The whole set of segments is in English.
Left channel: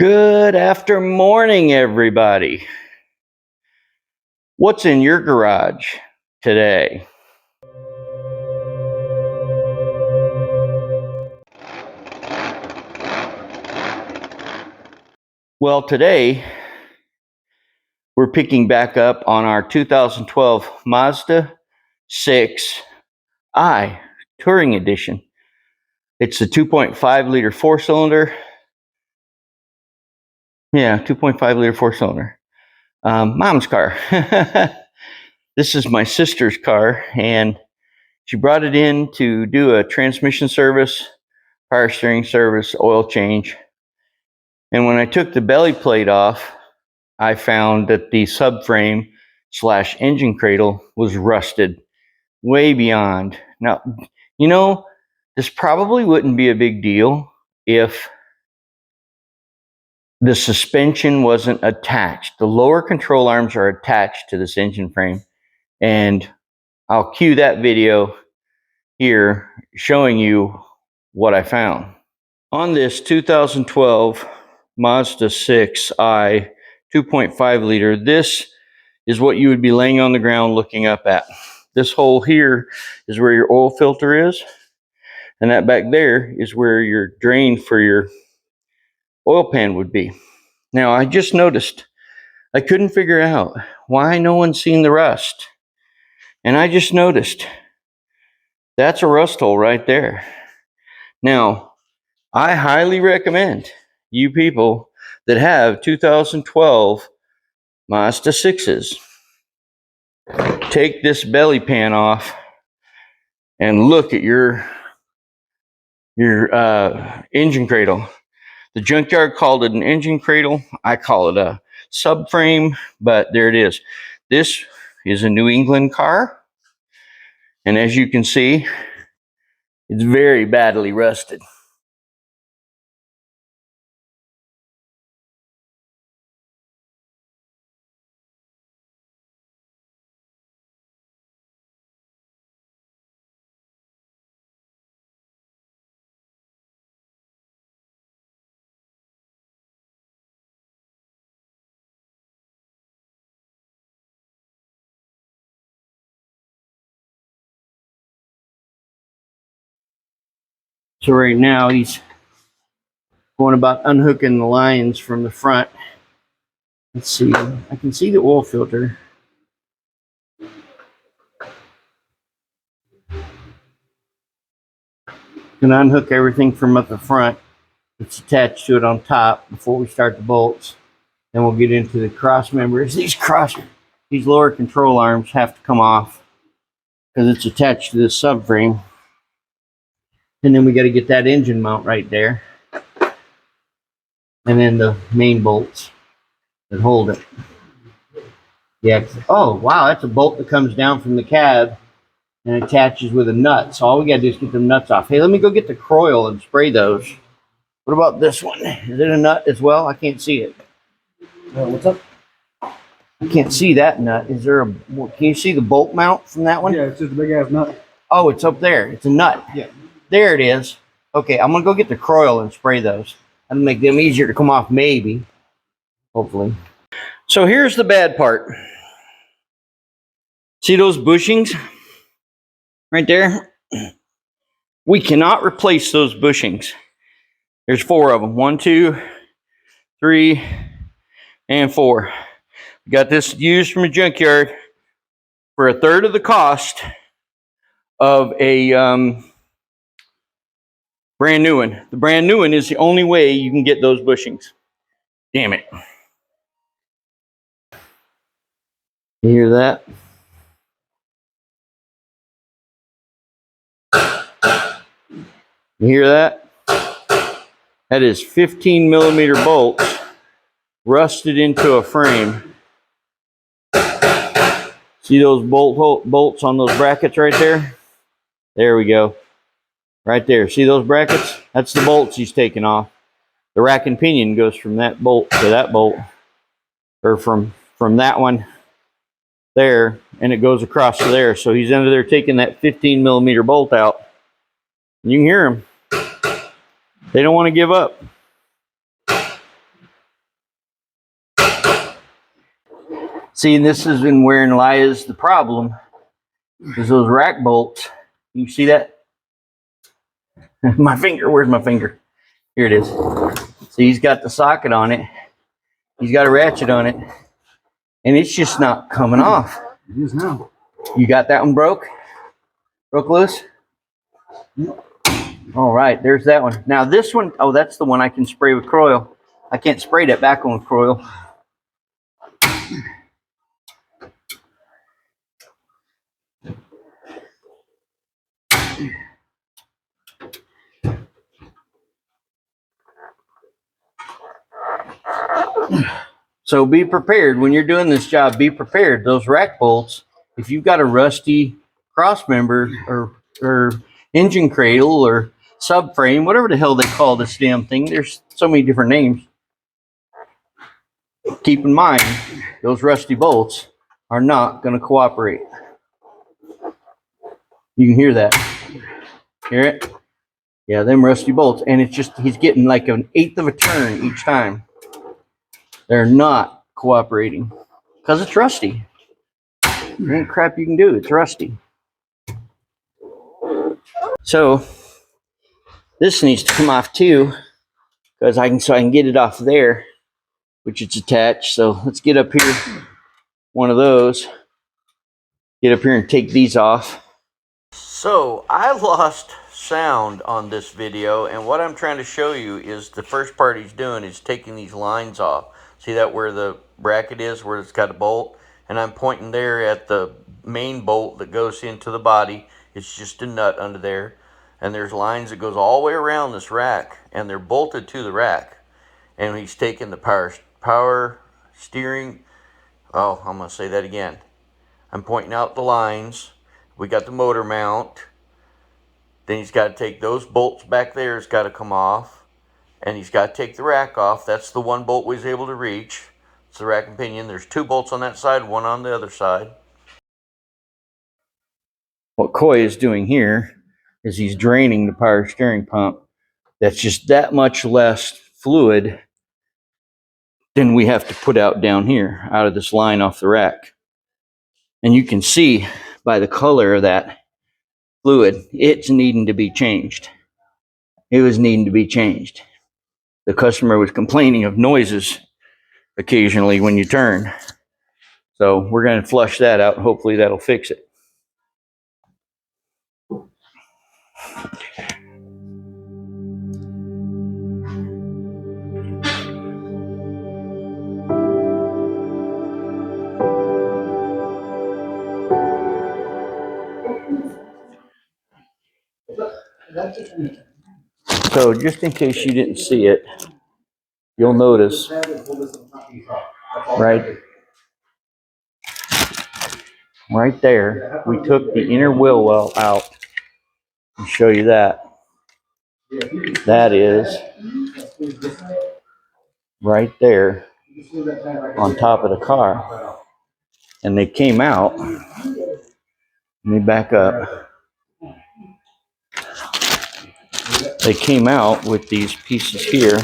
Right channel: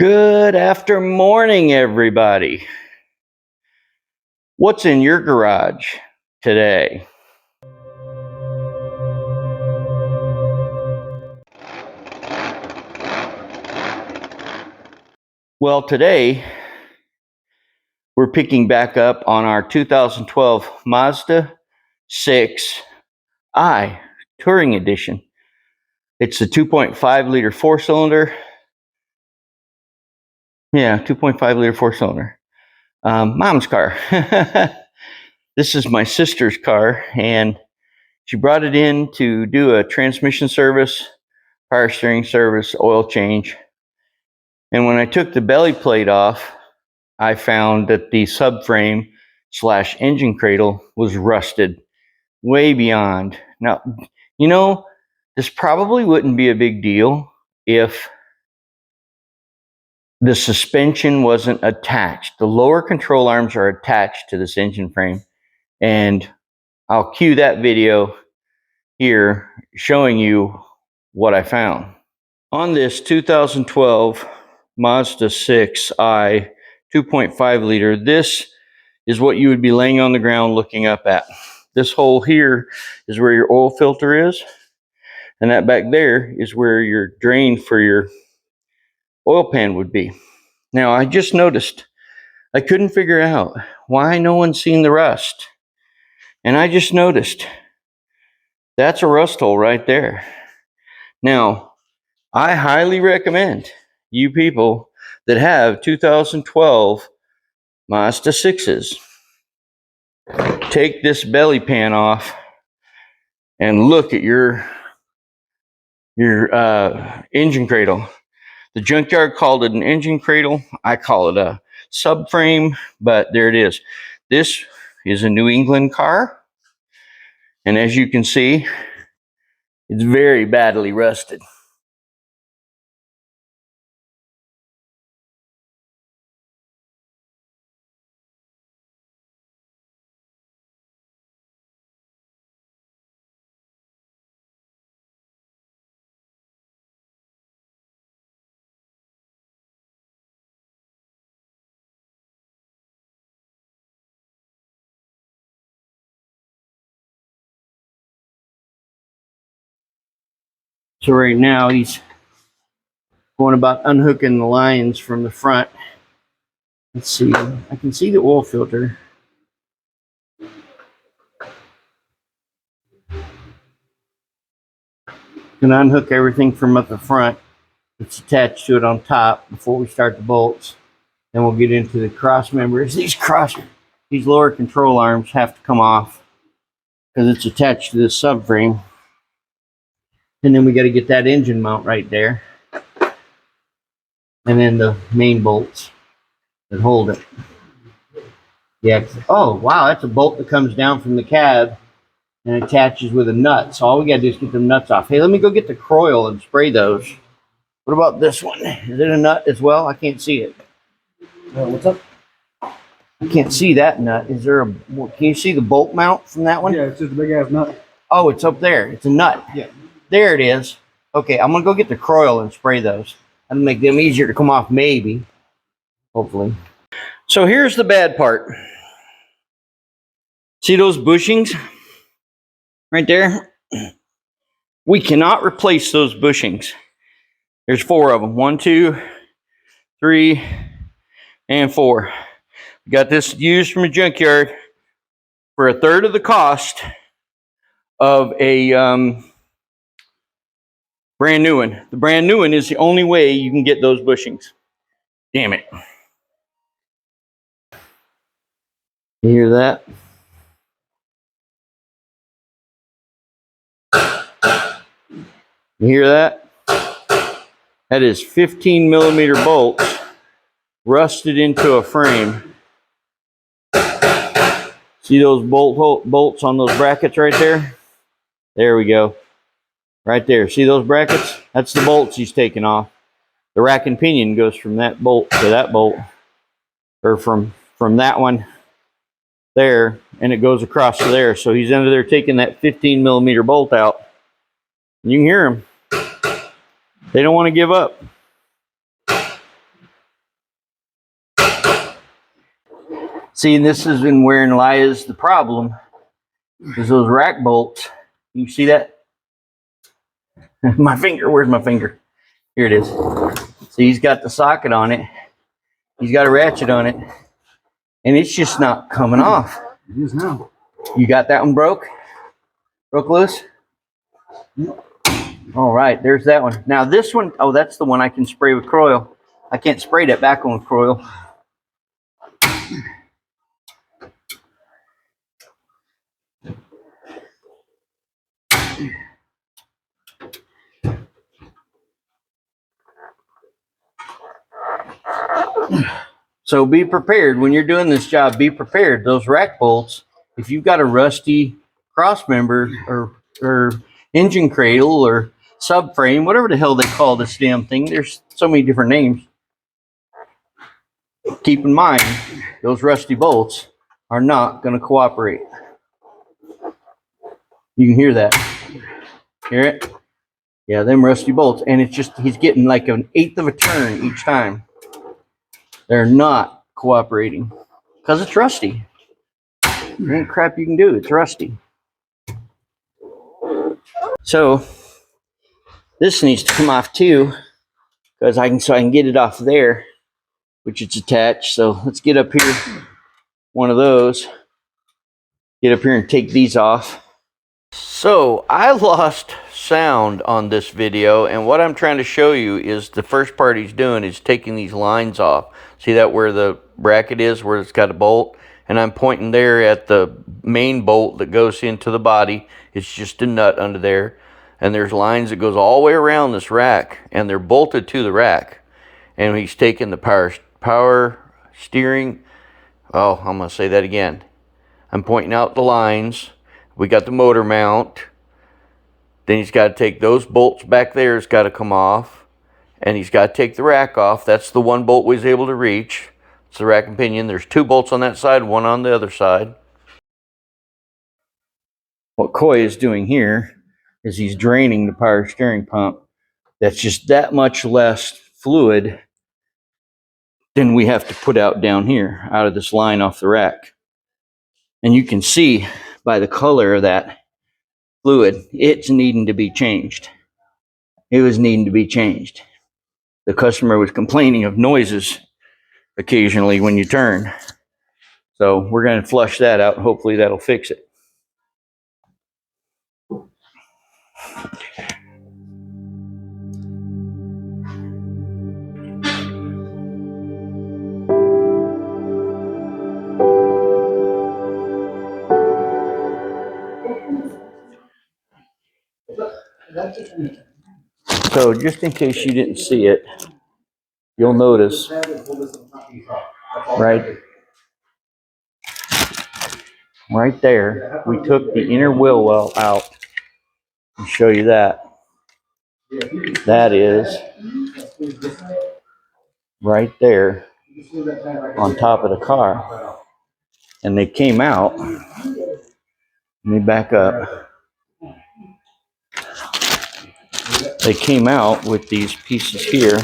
Good after morning, everybody. What's in your garage today? Well, today we're picking back up on our 2012 Mazda 6i Touring Edition. It's a 2.5 liter four-cylinder. Yeah, 2.5 liter four-cylinder. Mom's car. This is my sister's car, and she brought it in to do a transmission service, power steering service, oil change. And when I took the belly plate off, I found that the subframe / engine cradle was rusted way beyond. Now, you know, this probably wouldn't be a big deal if the suspension wasn't attached. The lower control arms are attached to this engine frame, and I'll cue that video here showing you what I found. On this 2012 Mazda 6i 2.5 liter, this is what you would be laying on the ground looking up at. This hole here is where your oil filter is, and that back there is where your drain for your oil pan would be. Now, I just noticed I couldn't figure out why no one's seen the rust, and I just noticed that's a rust hole right there. Now, I highly recommend you people that have 2012 Mazda 6s take this belly pan off and look at your engine cradle. The junkyard called it an engine cradle. I call it a subframe, but there it is. This is a New England car, and as you can see, it's very badly rusted. So right now he's going about unhooking the lines from the front. Let's see, I can see the oil filter. Gonna unhook everything from up the front that's attached to it on top before we start the bolts. Then we'll get into the cross members. These lower control arms have to come off because it's attached to this subframe. And then we got to get that engine mount right there. And then the main bolts that hold it. Yeah. Oh, wow. That's a bolt that comes down from the cab and attaches with a nut. So all we got to do is get the nuts off. Hey, let me go get the Cradle and spray those. What about this one? Is it a nut as well? I can't see it. What's up? I can't see that nut. Is there a? Can you see the bolt mount from that one? Yeah, it's just a big ass nut. Oh, it's up there. It's a nut. Yeah. There it is. Okay, I'm gonna go get the Cradle and spray those. That'll make them easier to come off, maybe. Hopefully. So here's the bad part. See those bushings right there? We cannot replace those bushings. There's 4 of them. 1, 2, 3, and 4. We got this used from a junkyard for 1/3 of the cost of a brand new one. The brand new one is the only way you can get those bushings. Damn it. You hear that? You hear that? That is 15mm bolts rusted into a frame. See those bolts on those brackets right there? There we go. Right there. See those brackets? That's the bolts he's taking off. The rack and pinion goes from that bolt to that bolt. Or from that one there, and it goes across to there. So he's under there taking that 15mm bolt out. You can hear him. They don't want to give up. See, and this is wherein lies the problem, is those rack bolts. You see that? My finger, where's my finger? Here it is. See, he's got the socket on it. He's got a ratchet on it. And it's just not coming off. It is now. You got that one broke? Broke loose? Yep. All right, there's that one. Now this one, oh, that's the one I can spray with Cradle. I can't spray that back on with Cradle. So be prepared when you're doing this job. Be prepared. Those rack bolts, if you've got a rusty cross member or engine cradle or subframe, whatever the hell they call this damn thing, there's so many different names. Keep in mind, those rusty bolts are not going to cooperate. You can hear that. Hear it? Yeah, them rusty bolts. And it's just, he's getting like an eighth of a turn each time. They're not cooperating because it's rusty. There ain't crap you can do. It's rusty. So this needs to come off too, because I can get it off there, which it's attached. So let's get up here, one of those. Get up here and take these off. So I lost sound on this video, and what I'm trying to show you is the first part he's doing is taking these lines off. See that where the bracket is, where it's got a bolt? And I'm pointing there at the main bolt that goes into the body. It's just a nut under there. And there's lines that goes all the way around this rack, and they're bolted to the rack. And he's taking the power steering. Oh, I'm going to say that again. I'm pointing out the lines. We got the motor mount. Then he's got to take those bolts back there. It's got to come off. And he's got to take the rack off. That's the one bolt we was able to reach. It's the rack and pinion. There's two bolts on that side, one on the other side. What Coy is doing here is he's draining the power steering pump. That's just that much less fluid than we have to put out down here, out of this line off the rack. And you can see by the color of that fluid, it's needing to be changed. It was needing to be changed. The customer was complaining of noises occasionally when you turn. So we're going to flush that out. Hopefully that'll fix it. So just in case you didn't see it, you'll notice right there, we took the inner wheel well out. I'll show you that. That is right there on top of the car. And they came out. Let me back up. They came out with these pieces here.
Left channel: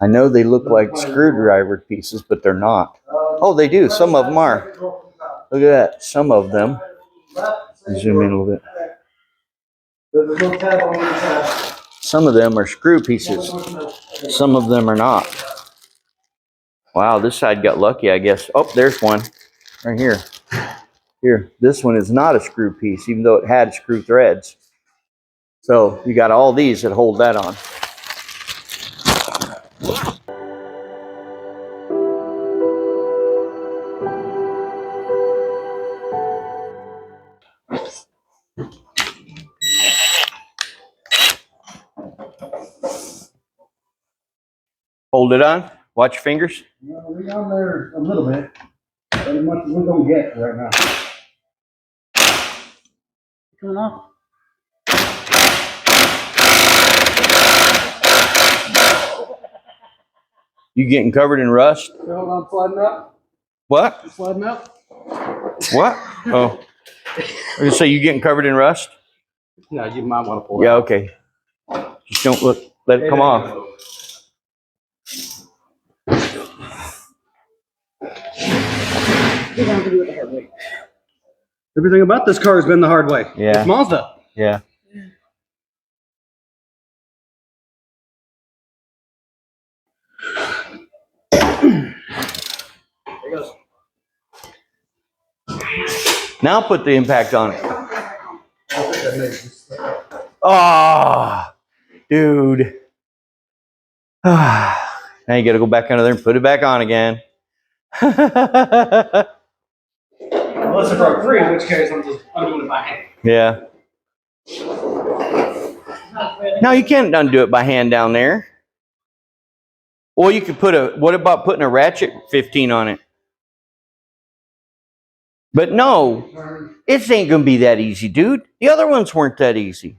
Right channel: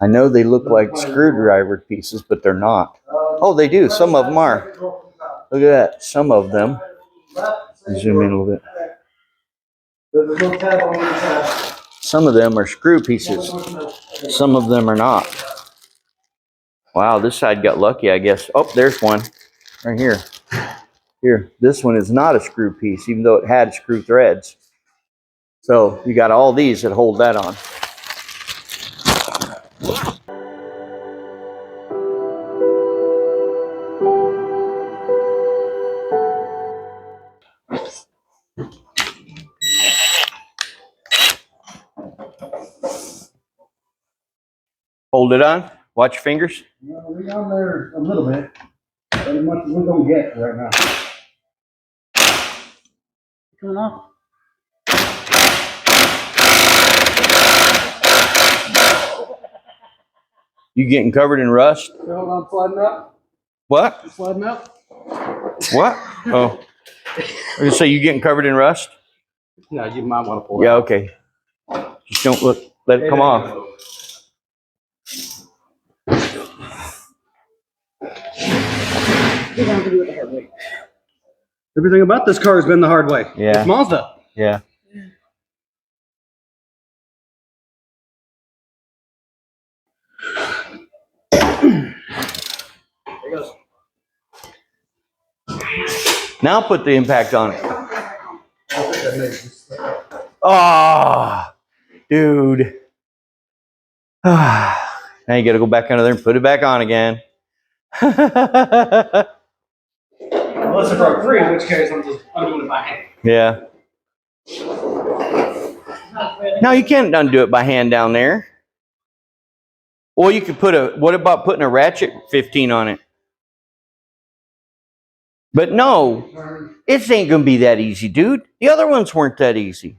I know they look like screwdriver pieces, but they're not. Oh, they do. Some of them are. Look at that. Some of them. Zoom in a little bit. Some of them are screw pieces. Some of them are not. Wow, this side got lucky, I guess. Oh, there's one right here. Here, this one is not a screw piece, even though it had screw threads. So you got all these that hold that on. Hold it on. Watch your fingers. We're on there a little bit. As much as we're going to get right now. Coming off. You getting covered in rust? Hold on, sliding up. What? Sliding up. What? Oh. I was going to say, you getting covered in rust? No, you might want to pull it. Yeah, okay. Just don't let it come off. We're gonna have to do it the hard way. Everything about this car has been the hard way. Yeah. It's Mazda. Yeah. There it goes. Now put the impact on it. Oh, dude. Now you got to go back under there and put it back on again. Unless it broke free, in which case I'm just undoing it by hand. Yeah. No, you can't undo it by hand down there. Or you could put what about putting a ratchet 15 on it? But no, it ain't going to be that easy, dude. The other ones weren't that easy.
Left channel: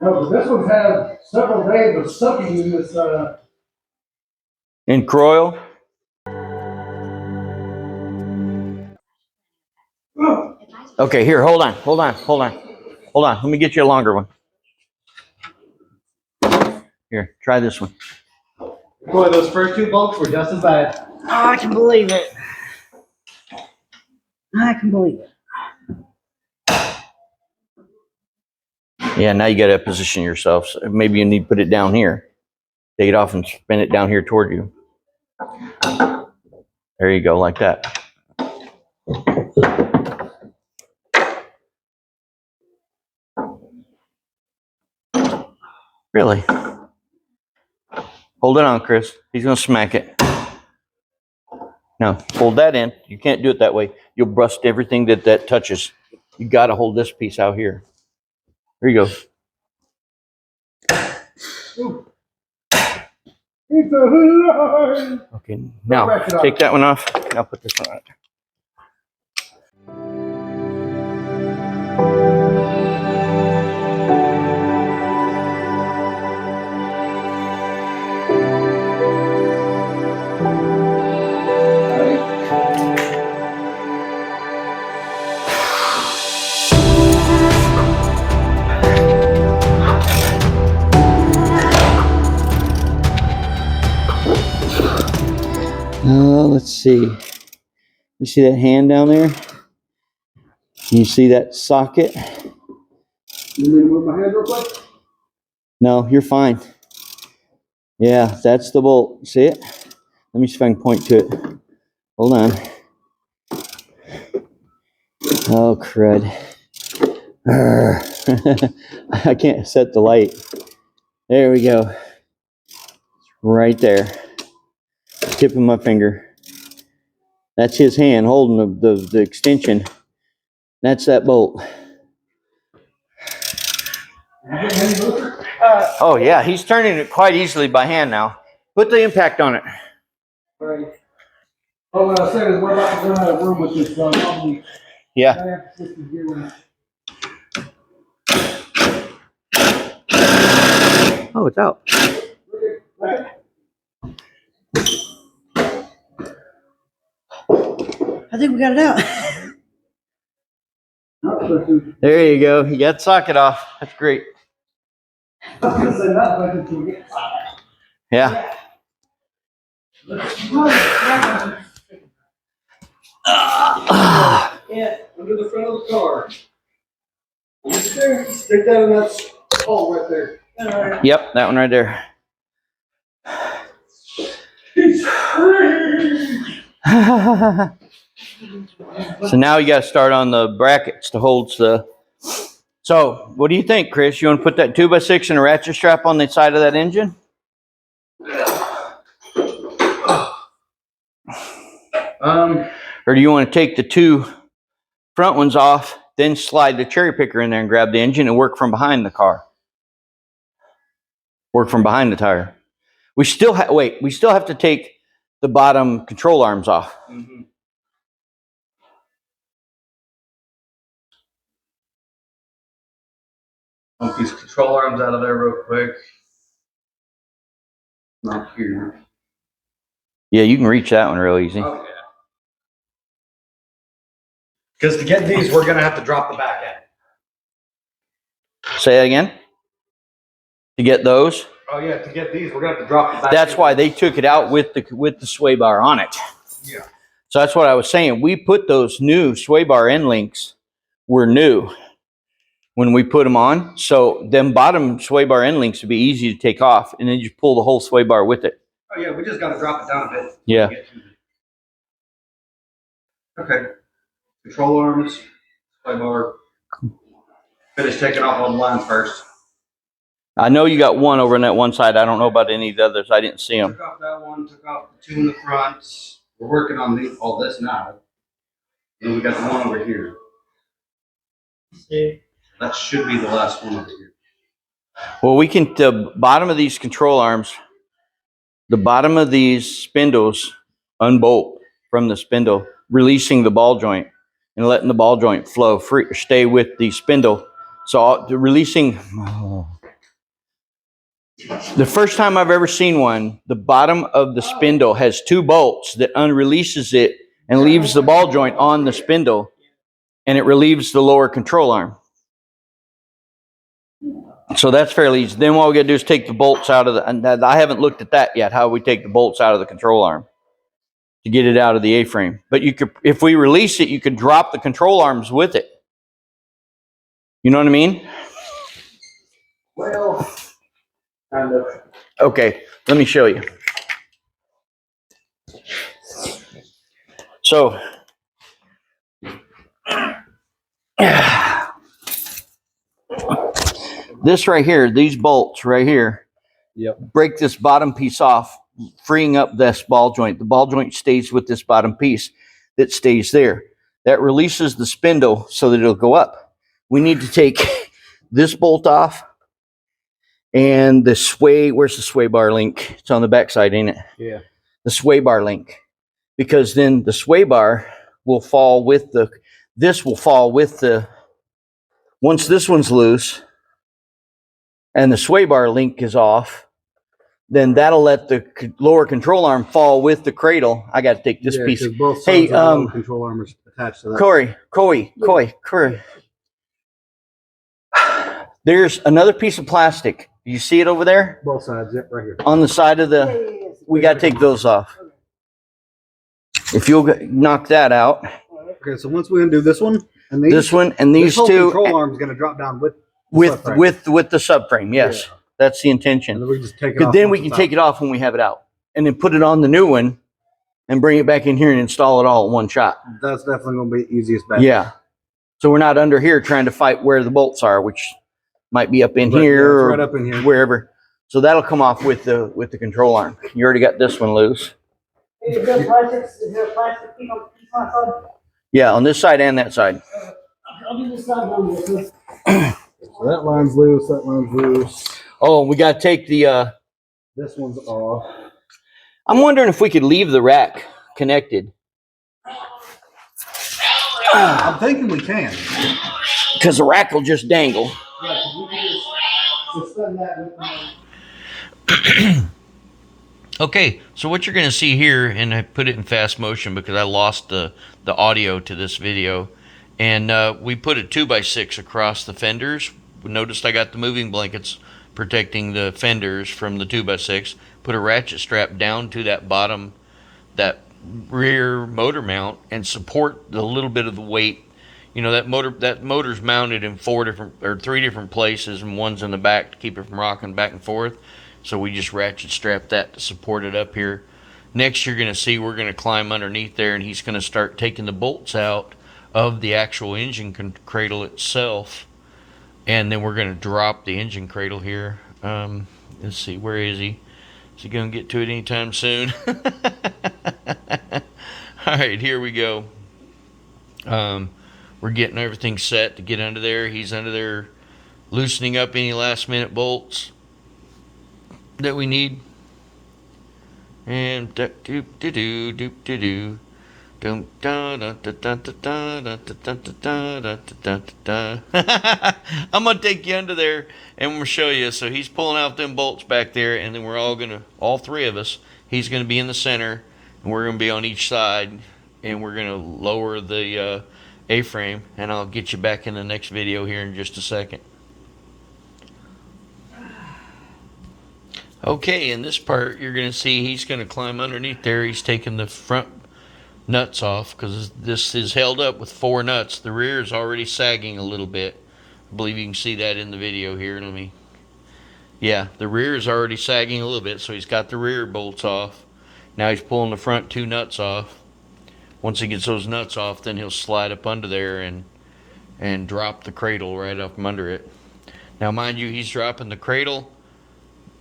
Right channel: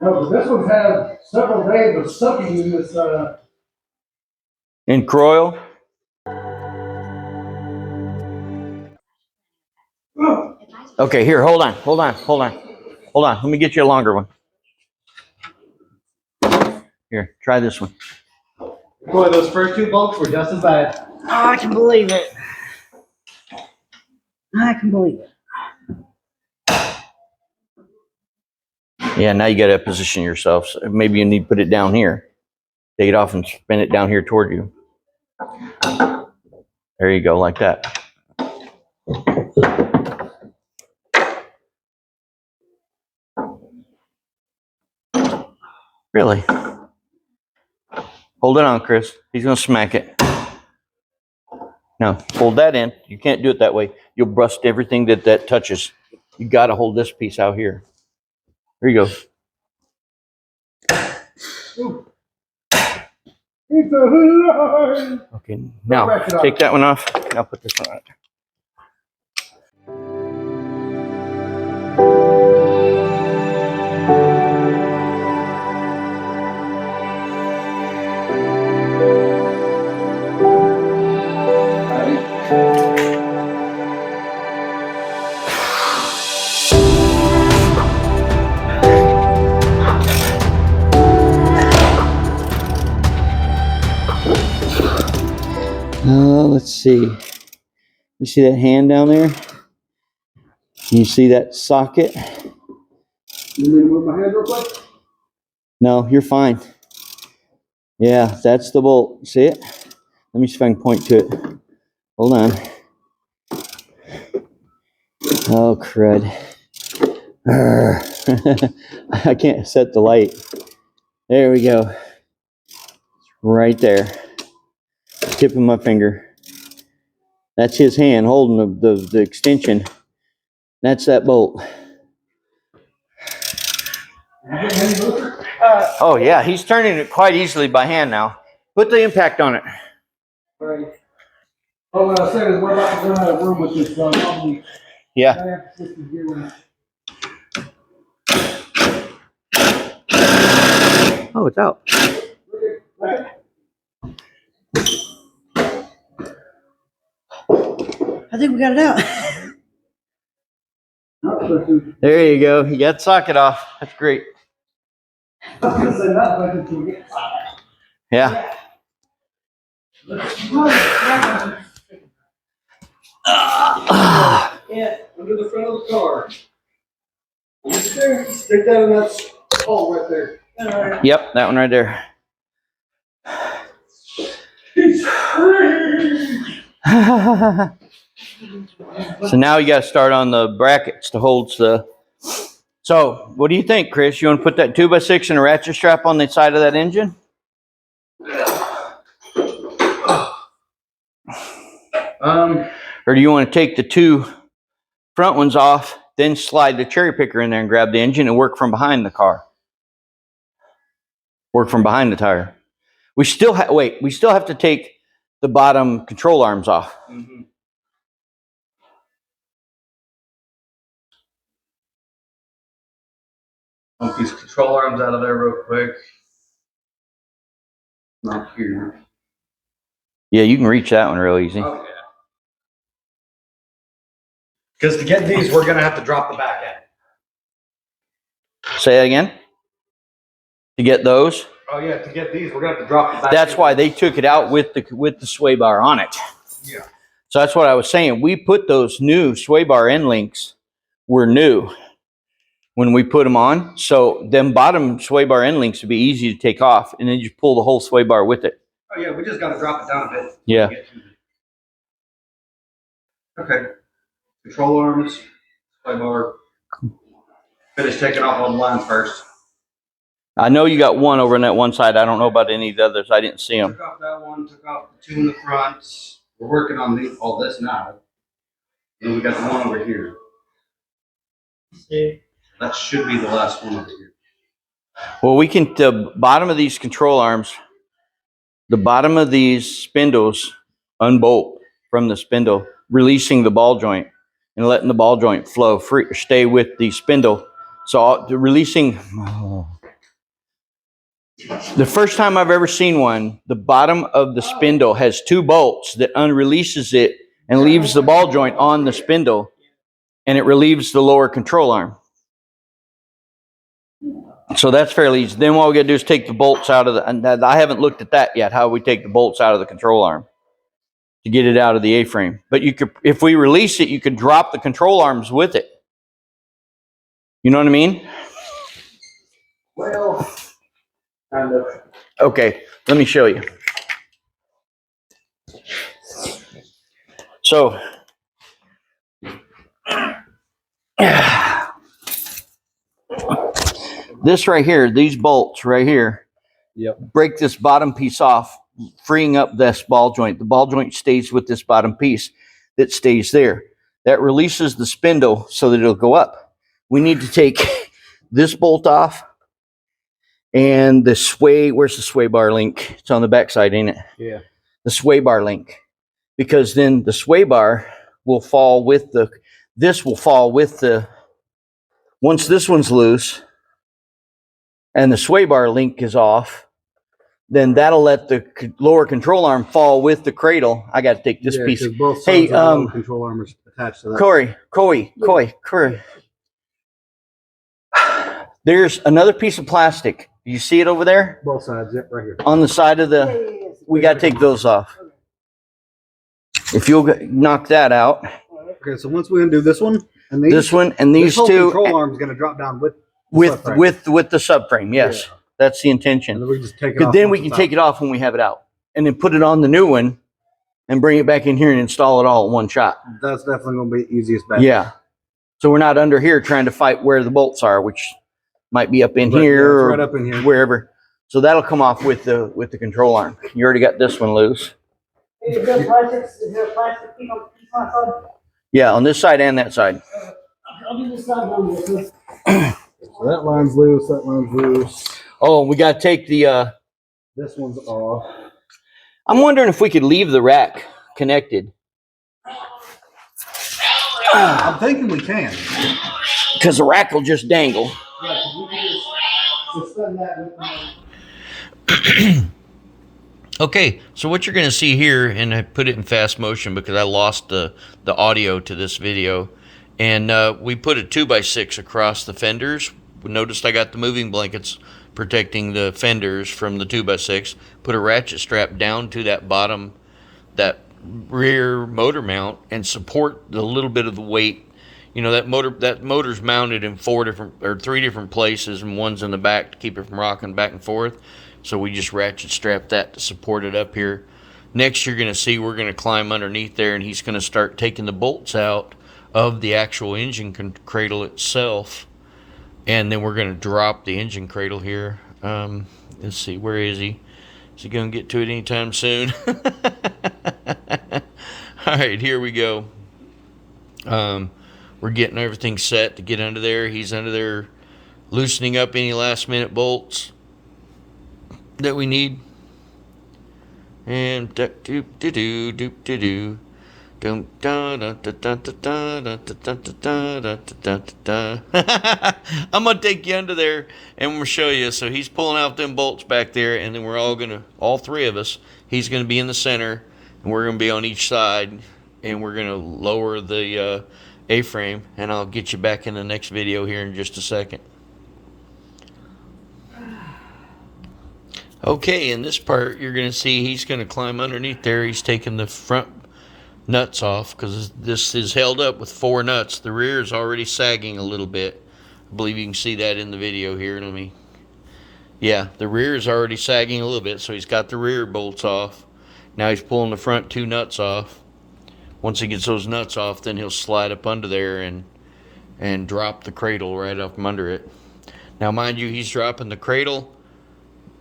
No, but this one's had several days of sucking in this. In Croyle? Okay, here, hold on. Let me get you a longer one. Here, try this one. Boy, those first two bolts were just as bad. Oh, I can believe it. I can believe it. Yeah, now you got to position yourself. So maybe you need to put it down here. Take it off and spin it down here toward you. There you go, like that. Really? Hold it on, Chris. He's going to smack it. No, hold that in. You can't do it that way. You'll rust everything that touches. You got to hold this piece out here. There you go. It's a lie. Okay, now take that one off. Now put this one on. Let's see. You see that hand down there? You see that socket? You need to move my hand real quick? No, you're fine. Yeah, that's the bolt. See it? Let me see if I can point to it. Hold on. Oh, crud. I can't set the light. There we go. Right there. Tip of my finger. That's his hand holding the extension. That's that bolt. Oh yeah, he's turning it quite easily by hand now. Put the impact on it. Right. Oh, what I was saying is we're about to run out of room with this. Yeah. Oh, it's out. I think we got it out. There you go. You got the socket off. That's great. Yeah. Yeah, under the front of the car. Stick that in that hole right there. Yep, that one right there. So now you got to start on the brackets to hold the. So what do you think, Chris? You want to put that 2x6 and a ratchet strap on the side of that engine? Or do you want to take the two front ones off, then slide the cherry picker in there and grab the engine and work from behind the car? Work from behind the tire. We still have to take the bottom control arms off. Mm-hmm. Pump these control arms out of there real quick. Not here. Yeah, you can reach that one real easy. Oh, yeah. Because to get these, we're going to have to drop the back end. Say that again? To get those? Oh, yeah, to get these, we're going to have to drop the back That's end. why they took it out with the sway bar on it. Yeah. So that's what I was saying. We put those new sway bar end links were new when we put them on. So them bottom sway bar end links would be easy to take off, and then you just pull the whole sway bar with it. Oh yeah, we just got to drop it down a bit. Yeah. Okay. Control arms, sway bar. Finish taking off all the lines first. I know you got one over on that one side. I don't know about any of the others. I didn't see them. Took off that one, took off the two in the front. We're working on all this now. And we got the one over here. That should be the last one over here. Well, we can, the bottom of these control arms, the bottom of these spindles unbolt from the spindle, releasing the ball joint and letting the ball joint flow free, stay with the spindle. So releasing, the first time I've ever seen one, the bottom of the spindle has two bolts that unreleases it and leaves the ball joint on the spindle, and it relieves the lower control arm. So that's fairly easy. Then what we gotta do is take the bolts out of the, and I haven't looked at that yet, how we take the bolts out of the control arm to get it out of the A-frame. But you could, if we release it, you could drop the control arms with it. You know what I mean? Well, kind of. Okay, let me show you. So, this right here, these bolts right here, break this bottom piece off, freeing up this ball joint. The ball joint stays with this bottom piece that stays there. That releases the spindle so that it'll go up. We need to take this bolt off and the sway, where's the sway bar link? It's on the back side, ain't it? Yeah. The sway bar link. Because then the sway bar will fall with the, this will fall with the, once this one's loose and the sway bar link is off, then that'll let the lower control arm fall with the cradle. I got to take this piece. Both sides Hey, of the control arm is attached to that. Corey. There's another piece of plastic. You see it over there? Both sides, yep, right here. On the side of the, we got to take those off. If you'll knock that out. Okay, so once we undo this one and these, this one and these this whole two control arm is going to drop down with the subframe. Yes, yeah. That's the intention. And then we just take it off. Because then we can take it off when we have it out, and then put it on the new one, and bring it back in here and install it all in one shot. That's definitely going to be the easiest bet. Yeah. So we're not under here trying to fight where the bolts are, which might be up in here or right up in here, wherever. So that'll come off with the control arm. You already got this one loose. Is there plastic piece on my side? Yeah, on this side and that side. I'll do this side one. So that line's loose, that line's loose. Oh, we got to take the... this one's off. I'm wondering if we could leave the rack connected. I'm thinking we can. Because the rack will just dangle. Yeah, we can just suspend that with Okay, so what you're going to see here, and I put it in fast motion because I lost the audio to this video, and we put a 2x6 across the fenders. Noticed I got the moving blankets protecting the fenders from the 2x6. Put a ratchet strap down to that bottom, that rear motor mount, and support the little bit of the weight. You know, that motor's mounted in three different places, and one's in the back to keep it from rocking back and forth. So we just ratchet strap that to support it up here. Next, you're going to see we're going to climb underneath there, and he's going to start taking the bolts out of the actual engine cradle itself. And then we're going to drop the engine cradle here. Let's see, where is he? Is he going to get to it anytime soon? All right, here we go. We're getting everything set to get under there. He's under there loosening up any last minute bolts that we need. And I'm gonna take you under there and we'll show you. So he's pulling out them bolts back there, and then we're all three of us, he's gonna be in the center and we're gonna be on each side, and we're gonna lower the A-frame, and I'll get you back in the next video here in just a second. Okay, in this part, you're going to see he's going to climb underneath there. He's taking the front nuts off, because this is held up with 4 nuts. The rear is already sagging a little bit. I believe you can see that in the video here. Yeah, the rear is already sagging a little bit, so he's got the rear bolts off. Now he's pulling the front 2 nuts off. Once he gets those nuts off, then he'll slide up under there and drop the cradle right up from under it. Now, mind you, he's dropping the cradle.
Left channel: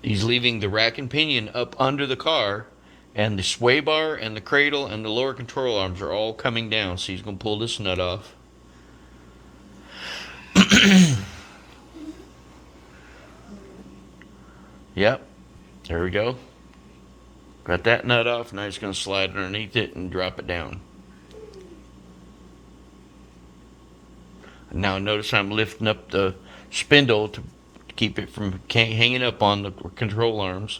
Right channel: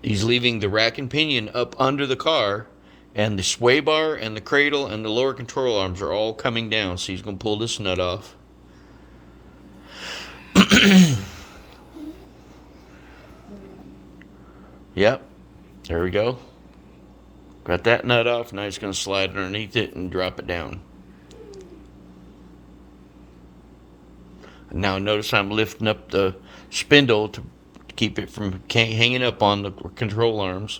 He's leaving the rack and pinion up under the car, and the sway bar and the cradle and the lower control arms are all coming down. So he's going to pull this nut off. Yep, there we go. Got that nut off. Now he's going to slide underneath it and drop it down. Now notice I'm lifting up the spindle to keep it from hanging up on the control arms.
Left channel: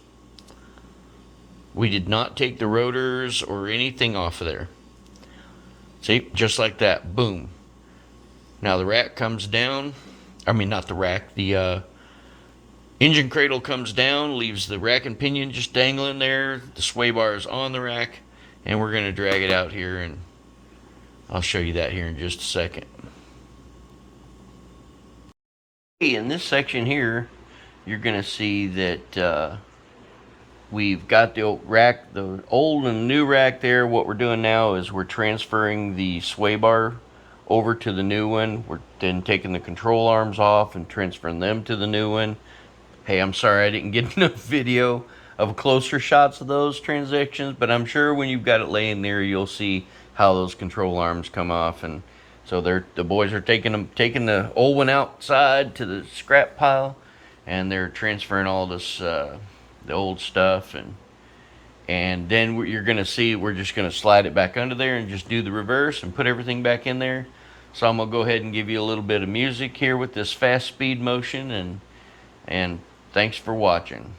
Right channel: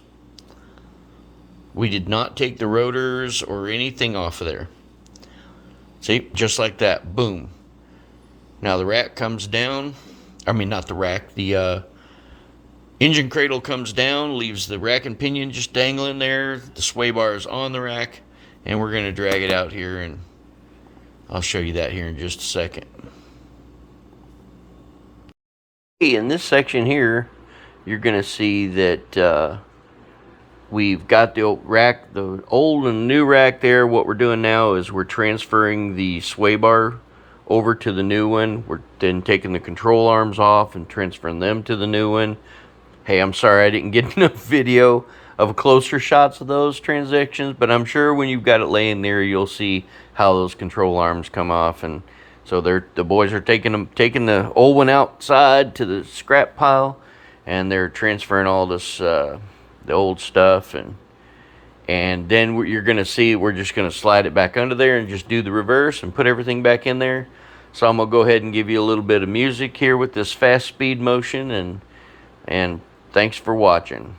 We did not take the rotors or anything off of there. See, just like that, boom. Now the rack comes down. I mean, not the rack, the engine cradle comes down, leaves the rack and pinion just dangling there. The sway bar is on the rack, and we're going to drag it out here, and I'll show you that here in just a second. In this section here, you're going to see that we've got the rack, the old and new rack there. What we're doing now is we're transferring the sway bar over to the new one. We're then taking the control arms off and transferring them to the new one. Hey, I'm sorry I didn't get enough video of closer shots of those transactions, but I'm sure when you've got it laying there, you'll see how those control arms come off. And so the boys are taking the old one outside to the scrap pile, and they're transferring all this the old stuff, and then you're going to see we're just going to slide it back under there and just do the reverse and put everything back in there. So I'm going to go ahead and give you a little bit of music here with this fast speed motion, and thanks for watching.